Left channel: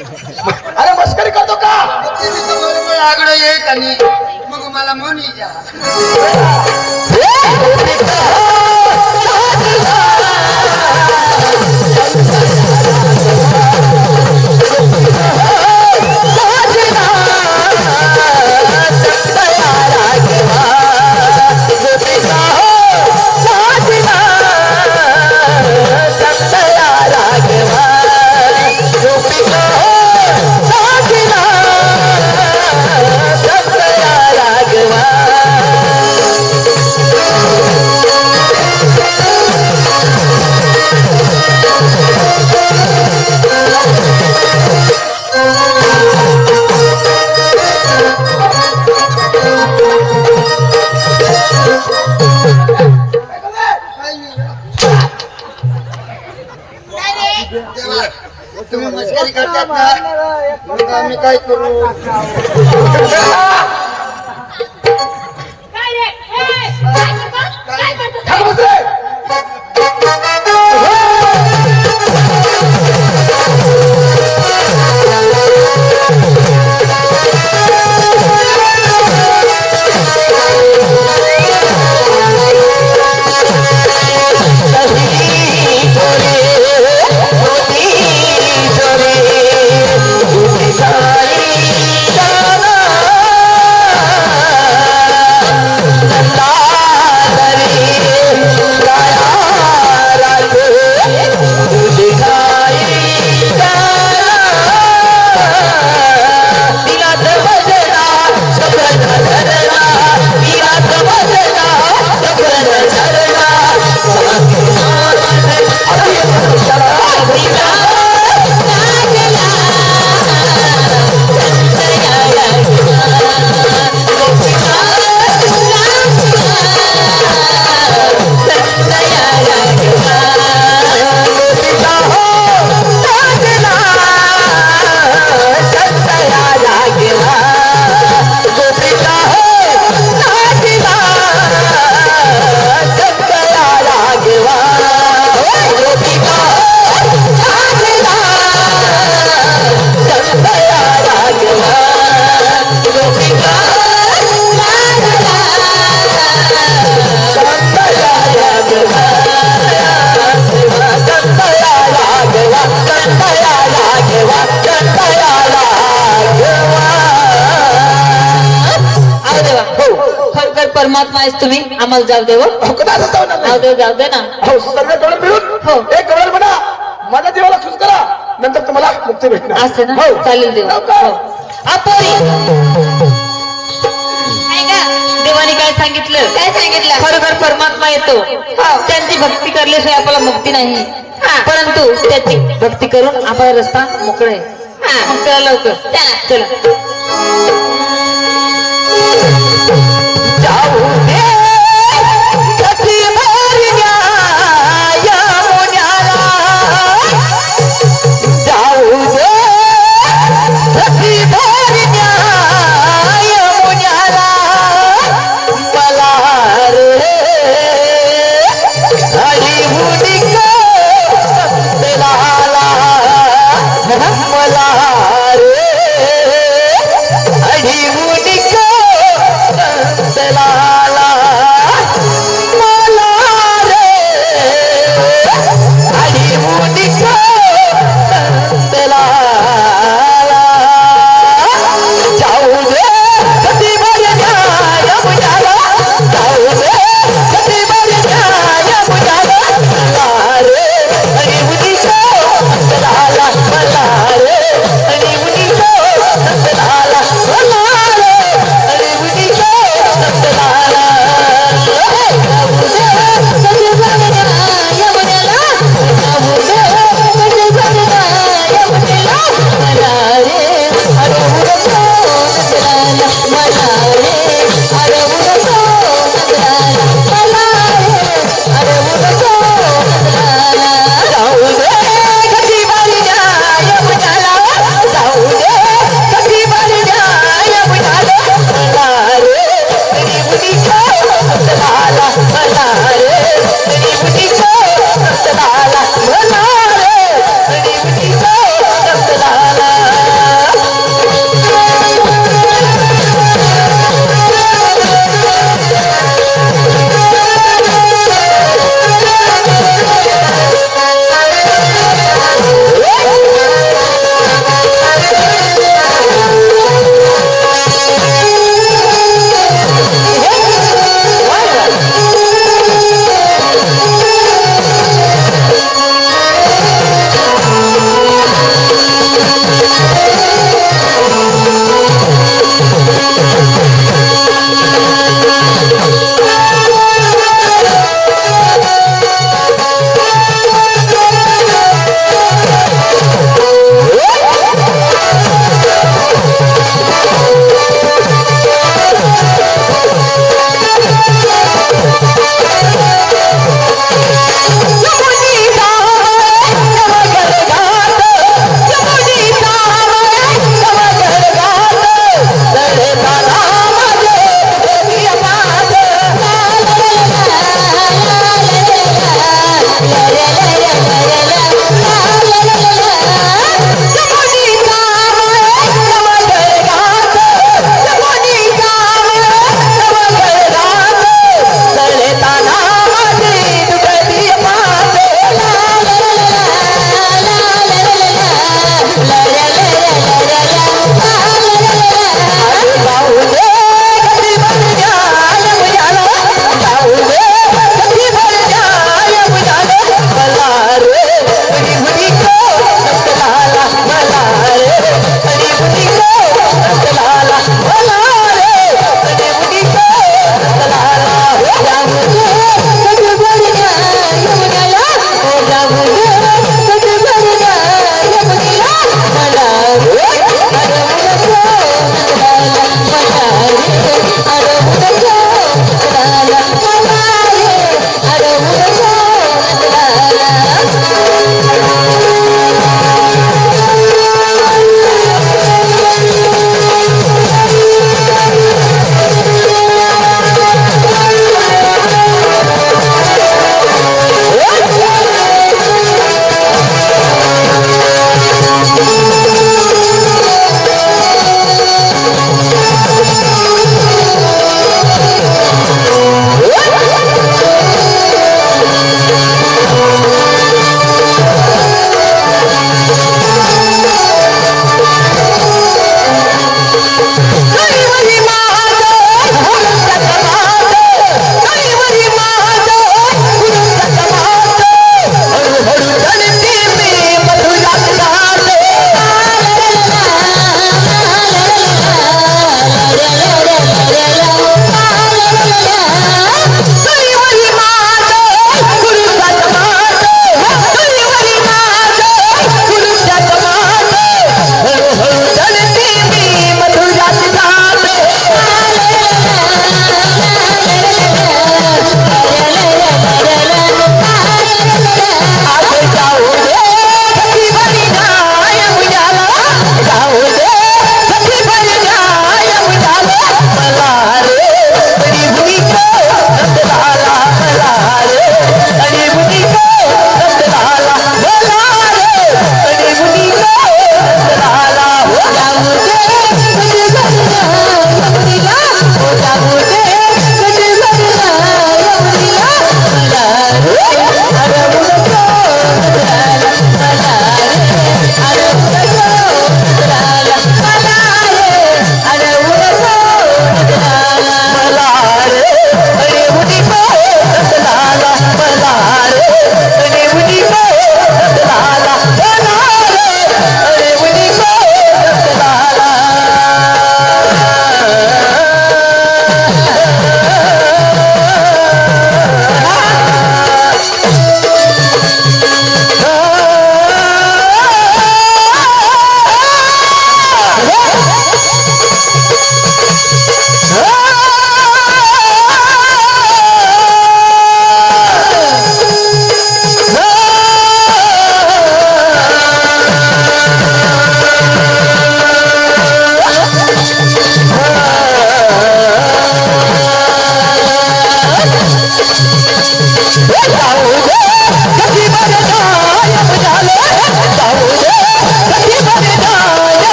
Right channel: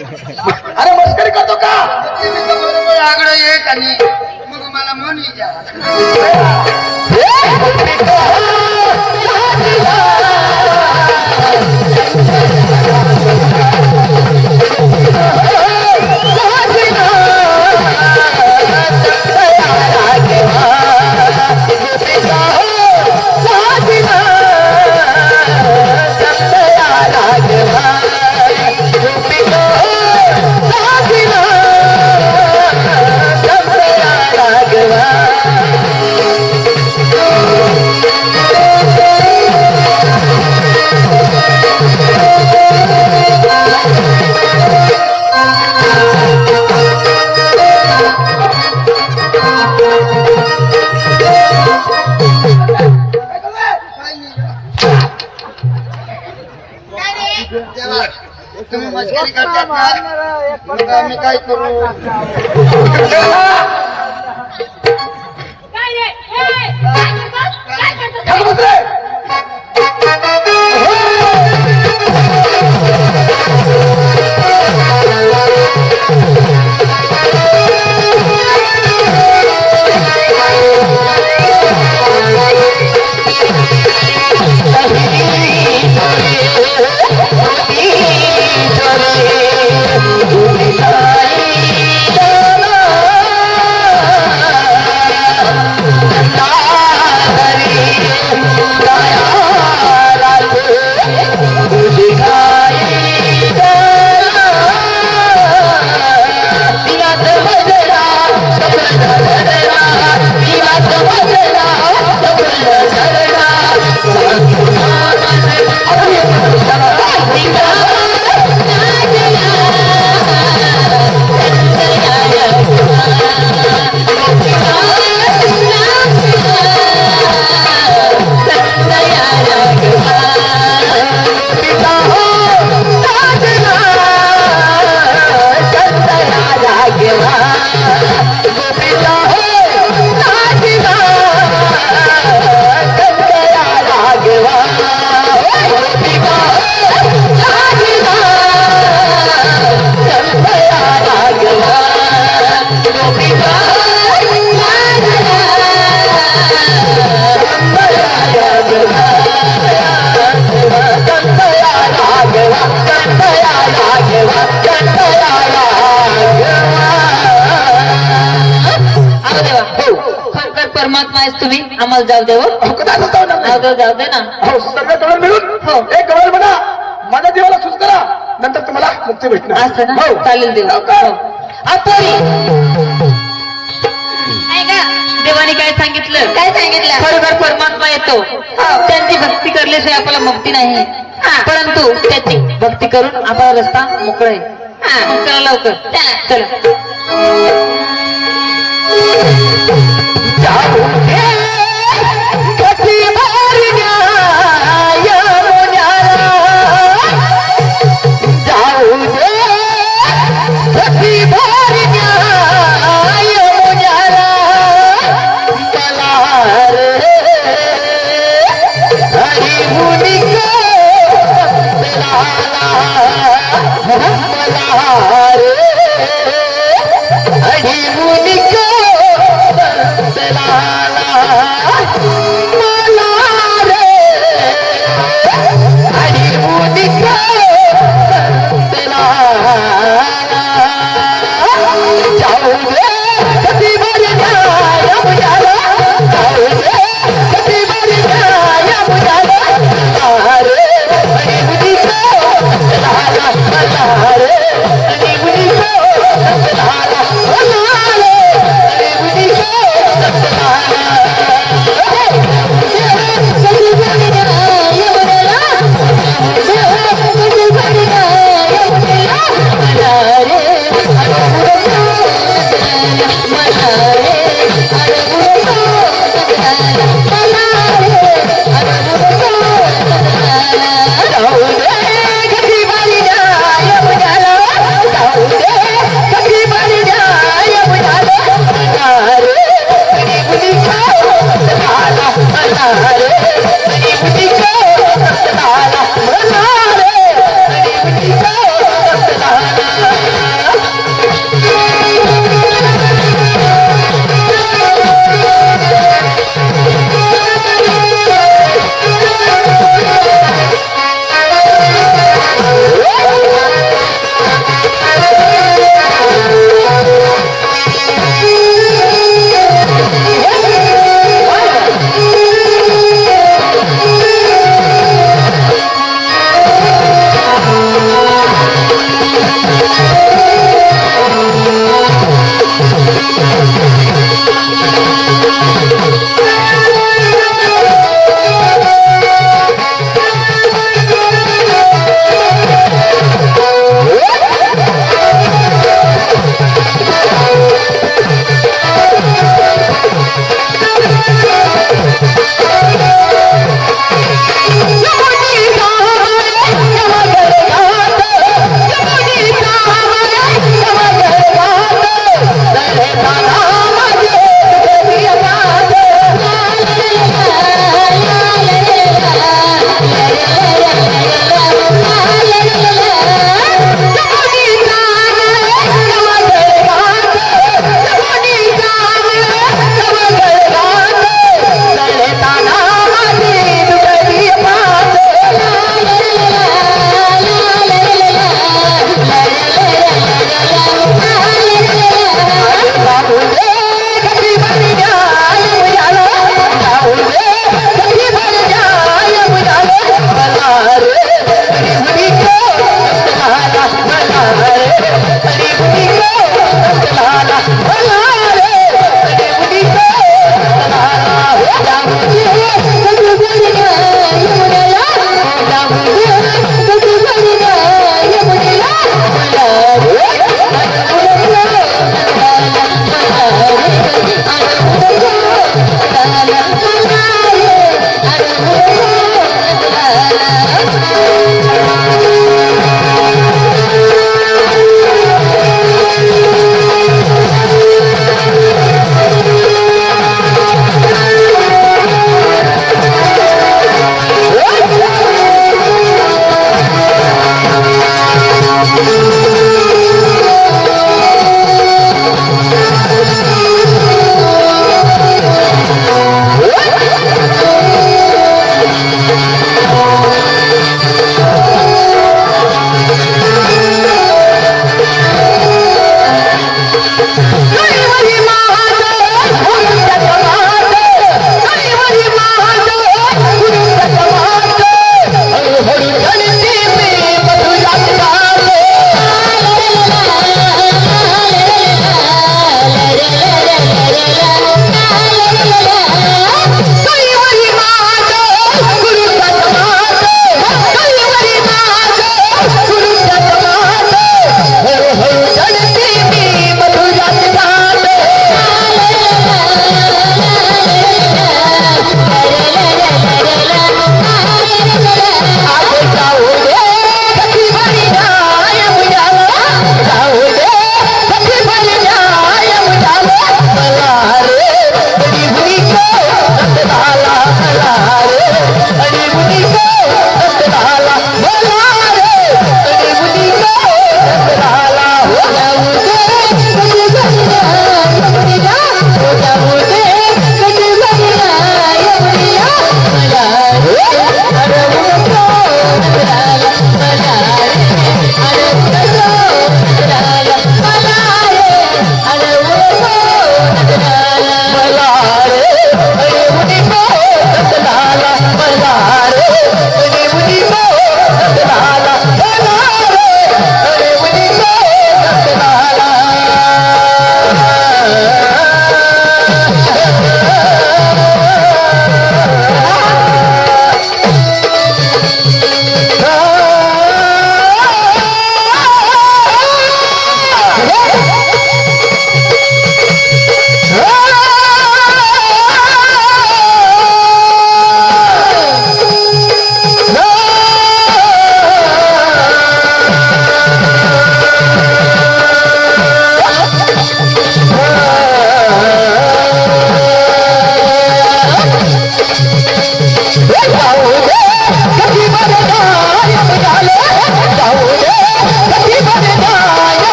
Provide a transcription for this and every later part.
अरे मस्करी करतो का? आगळ एक आणि मग मला म्हणू जा. तुम्ही मस्करी करतात ना, मी काय करू? काय रे? काय करतोस? काय करतोस? परमात्मा आहेस तुम्ही, आम्हाला जाऊ दे. जाऊ दे ना. हो सगळं मिळून हो एक कराल बघा, माझ्या देवाला खुश करा, नंतर तुम्हाला मुक्ती भेटणार. असं ना, हो. चालेल देवा. हो. अपोरी देवाने काय सांगितलं? काय सांगितलं? खरोखर परमात्मा येतो, त्यांची भक्ती करल्याशिवाय आपल्याला मुक्ती नाही, परंतु त्याची भक्ती करून आपला रस्ता मोकळा आहे. मग चला लवकर, चला.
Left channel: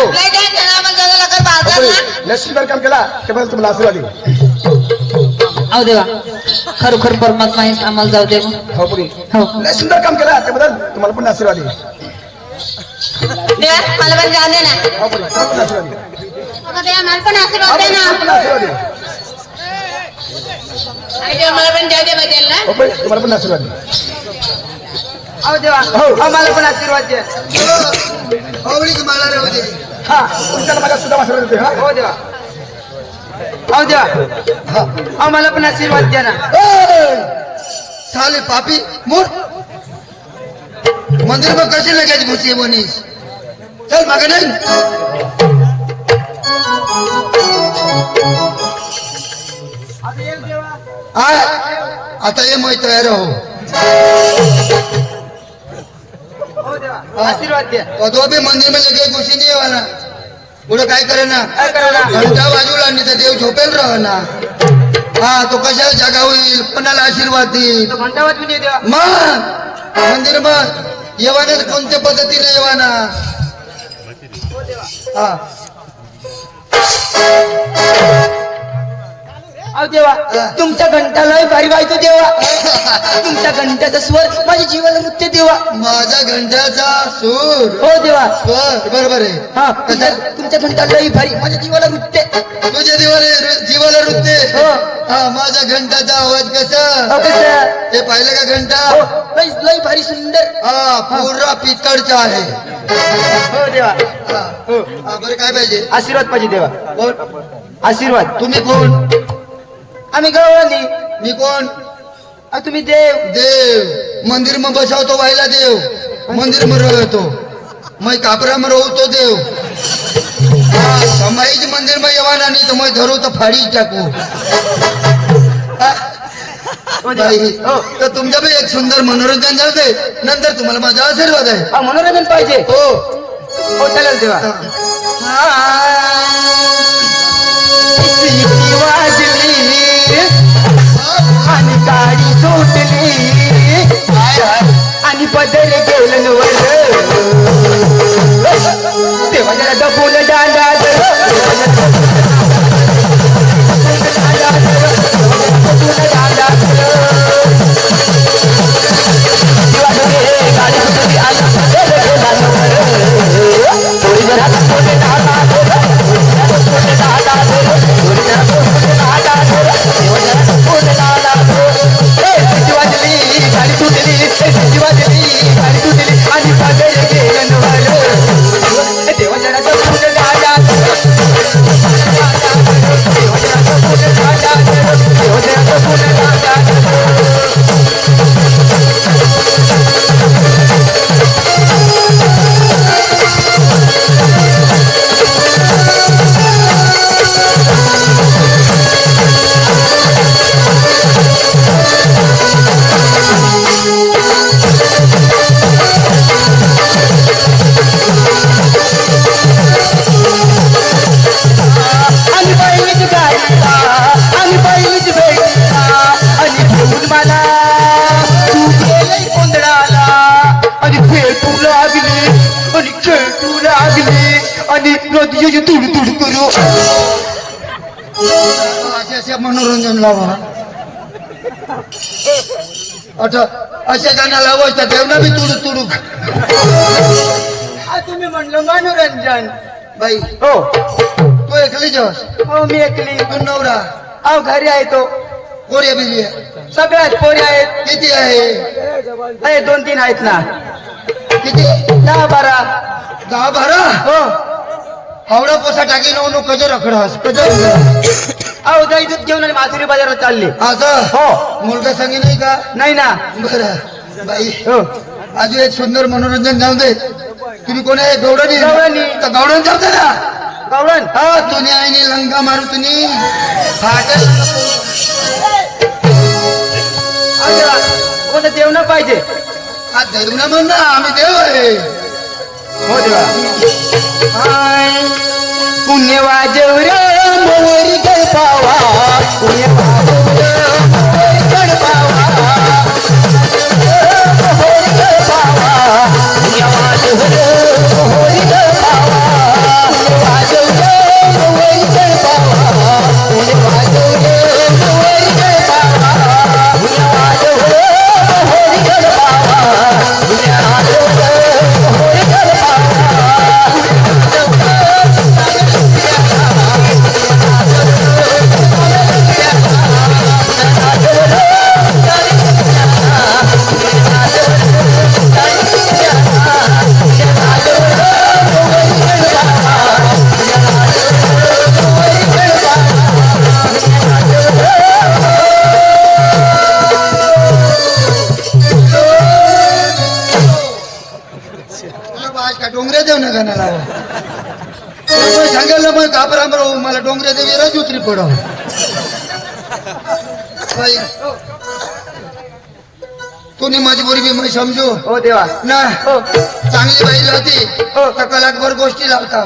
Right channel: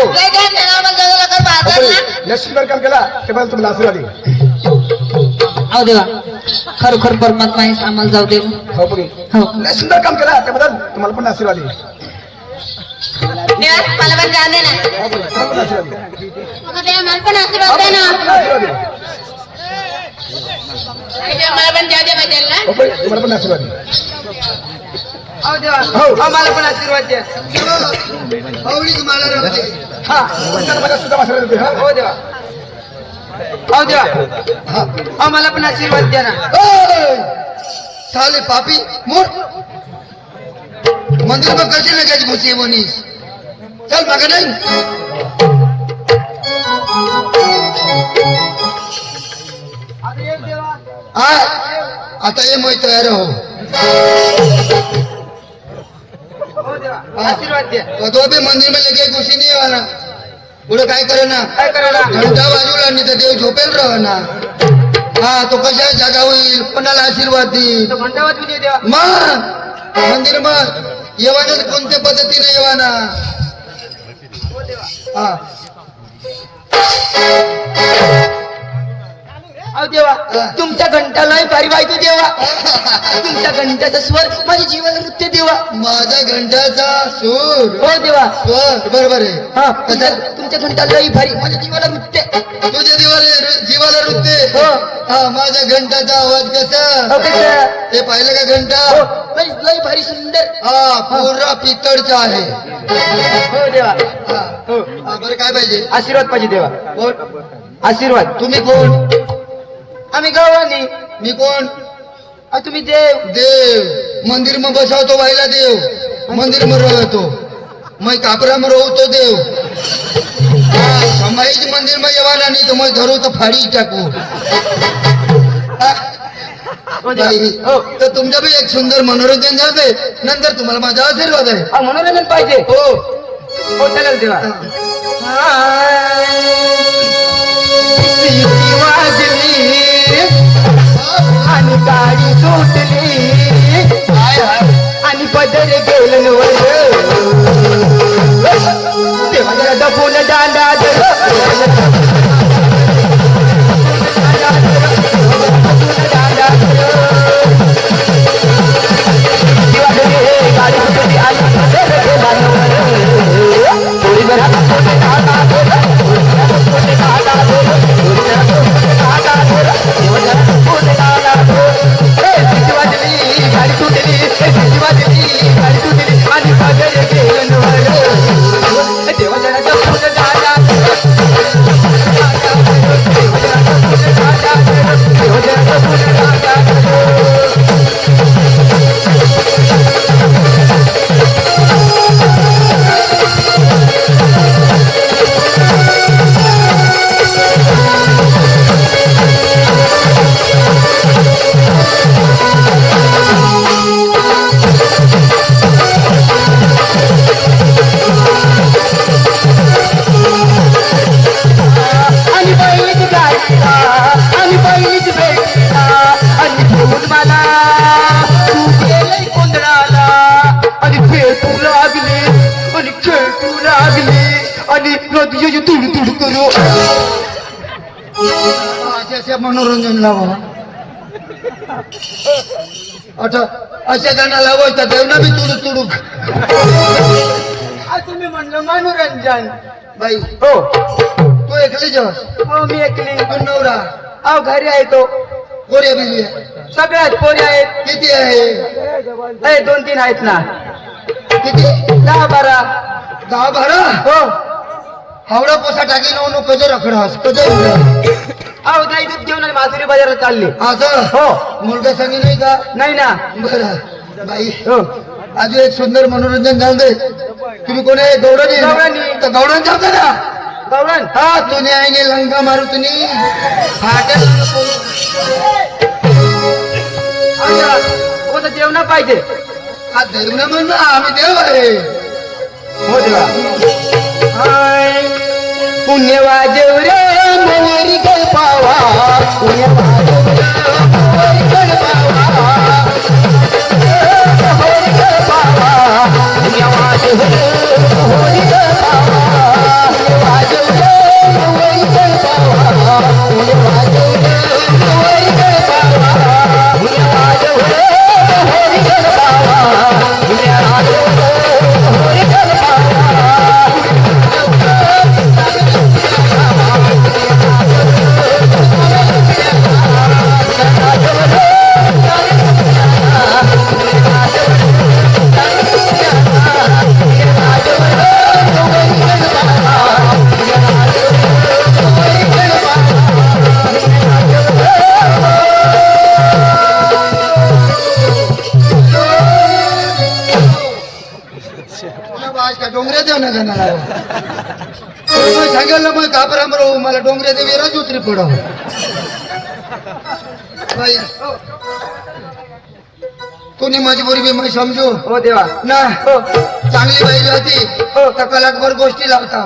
हो. लय काय देणार म्हणजे जगाला काही बाजार ना. लय सुंदर काम केला त्याबद्दल तुम्हाला आशीर्वाद आहे. अहो देवा खरोखर परमात्मा आहे आम्हाला जाऊ दे हो पुढे हो लय सुंदर काम केला त्याबद्दल तुम्हाला पण आशीर्वाद आहे. देवा मला पण जाऊ दे ना हो पुढे तुम्हाला पण आशीर्वाद आहे. अगं देवा मला पण आशीर्वाद दे ना तुम्हाला आशीर्वाद आहे. आई देवा मला पण जाऊ दे पाहिजे ना हो पुढे तुम्हाला पण आशीर्वाद आहे. अहो देवा हो. आम्हाला पण आशीर्वाद द्या. आवडी तुम्हाला राहू दे. हा तुमच्याला मला सुद्धा आशीर्वाद देते. हा हो देवा. अहो देवा आम्हाला पण आशीर्वाद द्या ना. साले पापी मूड मंदिर में कैसे लगे घुसी मनीष चल मागे नहीं आता एक देवा. आता ये मैं तैयार हो हो देवा आशीर्वाद द्या. तो भी मंदिर में लेके घुसी नहीं वाला पुढे काय करे ना काय करणार? घंटा बाजूला नाही तर देव झोपेल राह ना हा तो कशा जागा होईल कोणाला आशीर्वाद देईल तो घंटावत बी नाही देवा. मग मंदिर मग येवाना कोणत्या पद्धतीने येवाना हो देवा. हा अहो देवा तुमच्या घंटा लय भारी बायको देवा. तुमच्या घंट्याचा स्वर माझ्या जीवाला नृत्य देवा. माझ्या घंट्याचा सूर हो देवा. स्वर बरोबर आहे हा कसं? तुमच्या घंटा लय भारी माझ्या जीवाला नृत्य. तुझ्या जीवाला रुकते हो. हा माझ्या घंटाचा आवाज कसा अहो, कसं? हे पाहिलं का घंटा हो लय लय भारी सुंदर. हा पूर्ण पितळचा आहे हो देवा. हा. हो हा, बरं काय पाहिजे आशीर्वाद पाहिजे देवा. कोण? आशीर्वाद. तुम्ही कोण आम्ही गावाली. मी कोण तुम्ही देव. देव मंदिर में बसावतो व्हायला देव मंदिर में राहतो मैं कापरा में राहतो देव समाईच मंदिर में येवाना नाही तो मैं धरू तर फाडी टाकू हा? बाई, तर तुमचं बी एक सुंदर मनोरंजन जाऊ दे नंतर तुम्हाला माझा आशीर्वाद आहे अहो, मनोरंजन पाहिजे. हो हो चालेल देवा. सीटी वाजली आणि गाडी सुटली आणि बदल गेलं तेव्हा जरा दबून दांडा आणि नदीची तुडू तुडू तुडू अशा मनोरंजन लावा अच्छा अशा गाणं लावायचं देवना बी तुडू तुडू तुम्ही म्हणलं मनोरंजन. बाई हो तू एकली जेव्हा हो मी ऐकली. तू नवरा अहो घरी आहे तो. कोऱ्या बिली सगळ्यात पोरी आहेत. किती आहे 2-3 आहेत ना. किती 10-12. 10-12 हो हावडा पोसा टाकी नो कजर रखडास कजर अहो दही दूध घेऊन आणि माथुरी बाजारात चालले. असं हो मुलगा सांगी नाही का नाही ना. बरं बाई हो आज एक सुंदर मनोरंजन जाऊ दे तुम्ही कोणी गौडणी गौडणी. तर गौडण जाऊ दे ना गवळण. हा तुम्ही आईने लंका मारू तुम्ही हो तर जेवण पाहिजे. हा धरू ना म्हण ना आम्ही देव आहे हो देवा. पुण्य वाजव रे मोरी गळ पावा पुण्य वाजव रे मोरी गळ पावा मोरी गळ पावा पुण्य वाजव रे मोरी गळ पावा गाणं गाणं लावा सांगाल ना मग घाबरा मला डोंगराच्या वेळच उतरी पडव तूने मजबुरी भी मैं समजू हो देवा ना हो चांगली बाई होती का कलाकभर गोष्टी लावता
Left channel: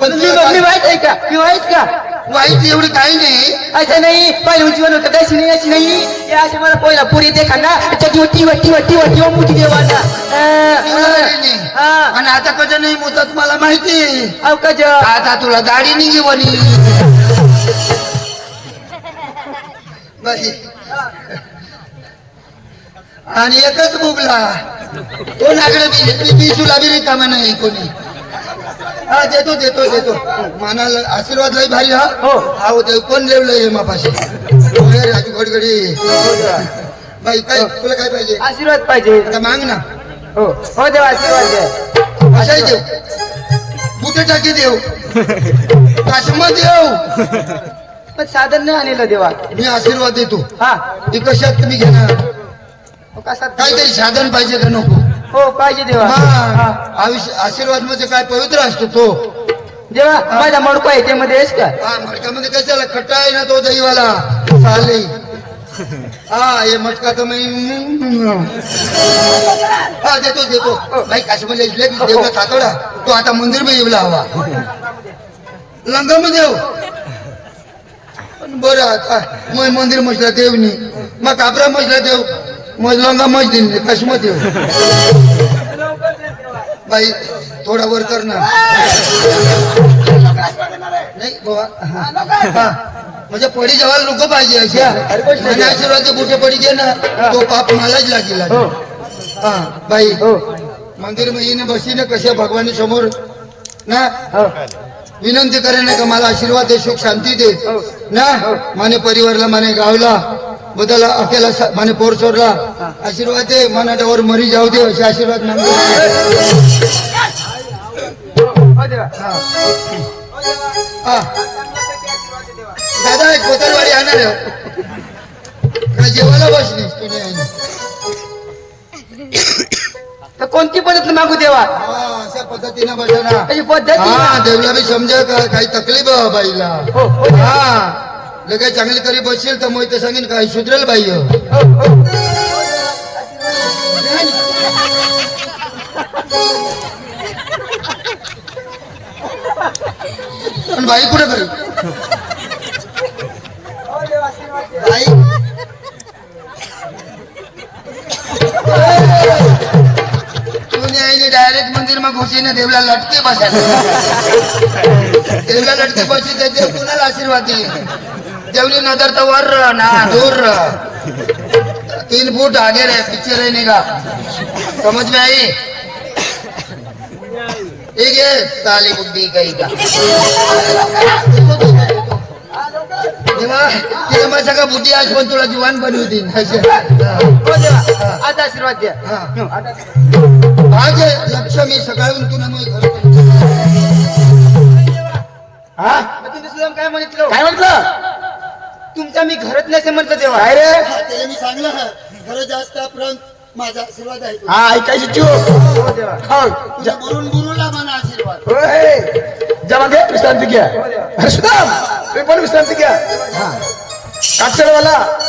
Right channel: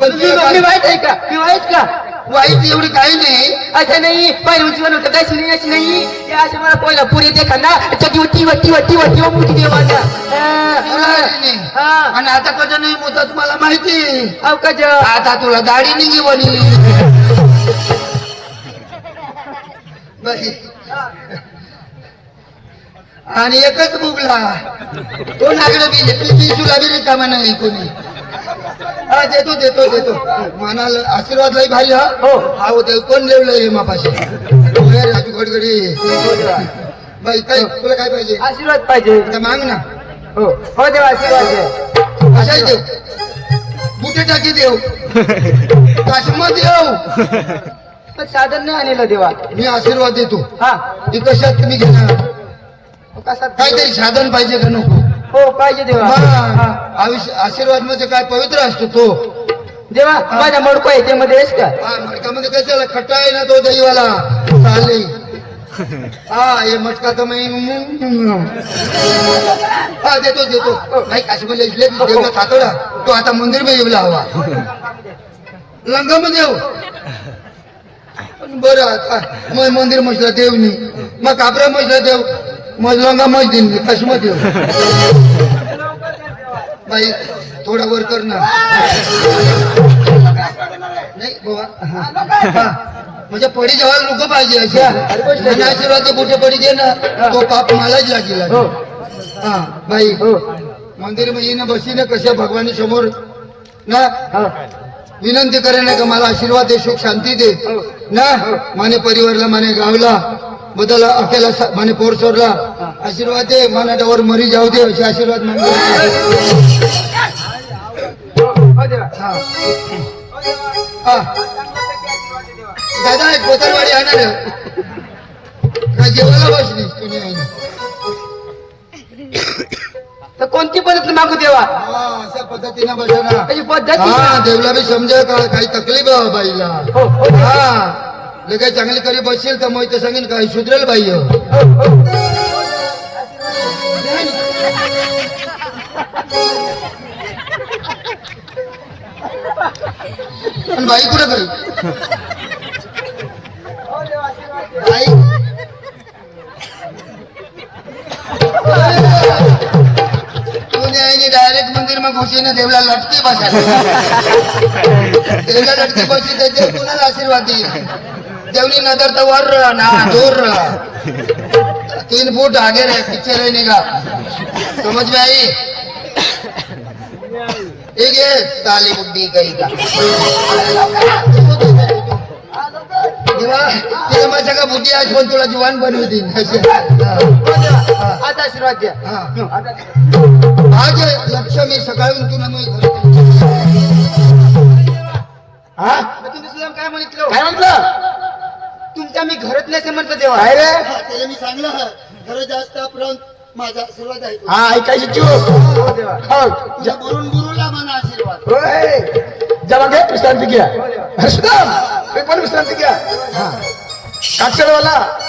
पण मी वाईट आहे का मी वाईट का वाईट एवढी काही नाही असं नाही पहिली जीवन होतं तशी नाही अशी नाही हे असे मला पहिला पुरी देखा ना वटी वटी वटी वटी मोठी देवाना तुला नाही. आणि आता कसं नाही मुदत मला माहिती अहो कज आता तुला दाढी निघी बनी आणि एकच मुगला तो लागले पिशूला बी रिकामा नाही कोणी हा देतो देतो देतो मानाला आशीर्वाद लय भारी हा हो. आहो देव पण लेवलंय मापाशी राजू घडघडी बाई काय तुला काय पाहिजे आशीर्वाद पाहिजे आता माग ना हो हो देवा आशीर्वाद द्या असाही देव बुटे टाकी देव कासमा देव पण साधन नाही आणलं देवा मी आशीर्वाद देतो हा ती कशात तुम्ही घेणार हो, कसा काहीतरी साधन पाहिजे का नको हो पाहिजे देवा हा, आयुष्य आशीर्वाद मध्ये काय पवित्र असतो तो देवा माझा मडको आहे त्यामध्ये आहेस का हा मटकामध्ये काय झालं खट्टा आहे ना तो दहीवाला चालली हा हे मटका कमी हा देतो देतो नाही काश्मीर देवला तातोडा तो आता मंदिर मध्ये येऊला हवा लंगा मध्ये येऊ बरं आता मग मंदिर म्हटलं देवनी मग काबरा म्हटलं देव मग लंगा मज देईन काश्मीर देव बाई थोडा वर कर ना नाही बाबा म्हणजे पडी जेव्हा लोक पाहिजे अशा आणि आशीर्वाद कुठे पडी घे ना तो पाप मलाच लागेल हा बाई मंदिर मध्ये येणं बसीने कशा भगवानी समोर ना विनंती करे ना का मला आशीर्वाद दे सुख शांती दे ना माने परिवारला माने गावला बदला अकेला माने पोर सोडला आशीर्वाद दे मनाटावर मरी जाऊ दे असे आशीर्वाद मानतो दादा एक बोतलवाडी आणणार काय जेवायला बसलीस तुझ्या तर कोणती पद्धत मागू देवा हा अशा पद्धतीनं बसा ना त्याची पद्धती हा देवला बी समजा का काही तकलीफ आहे बाईला हो हो हा ले काही चांगली करी बसेल तर मग ते सांगेन काय सुधरेल बाई हो. पण बाई कुठे बाई बाई डायरेक्ट मंदिर में घुसी ने देवला लटके बसा देवला लटके बसी ते देव कुणाला आशीर्वाद देईल देवली नजर तर वर रहा ना दूर रहा 3 फूट आगे रहे पीछे रहने का समझ में आई ठीक है काली बुद्धि कहीं का ते माझ्या का बुद्धी आज पण तुला जवान बनवू देईन आता आशीर्वाद द्या आज लक्ष्मी सकाळून तुला हा तुम्ही सुद्धा काय म्हणितलं काय म्हटलं तुमचा मी घरात नाही म्हणतो देवा काय रे त्याला मी सांगलं खरं जास्त अपरांत माझा आशीर्वाद आहे हा ऐकायची चूक हो देवा हो तुझ्या बरून गुरुला म्हणा आशीर्वाद जमा घे विश्रांती घ्या सुद्धा पण विश्रांती घ्या हा साक्षरवाला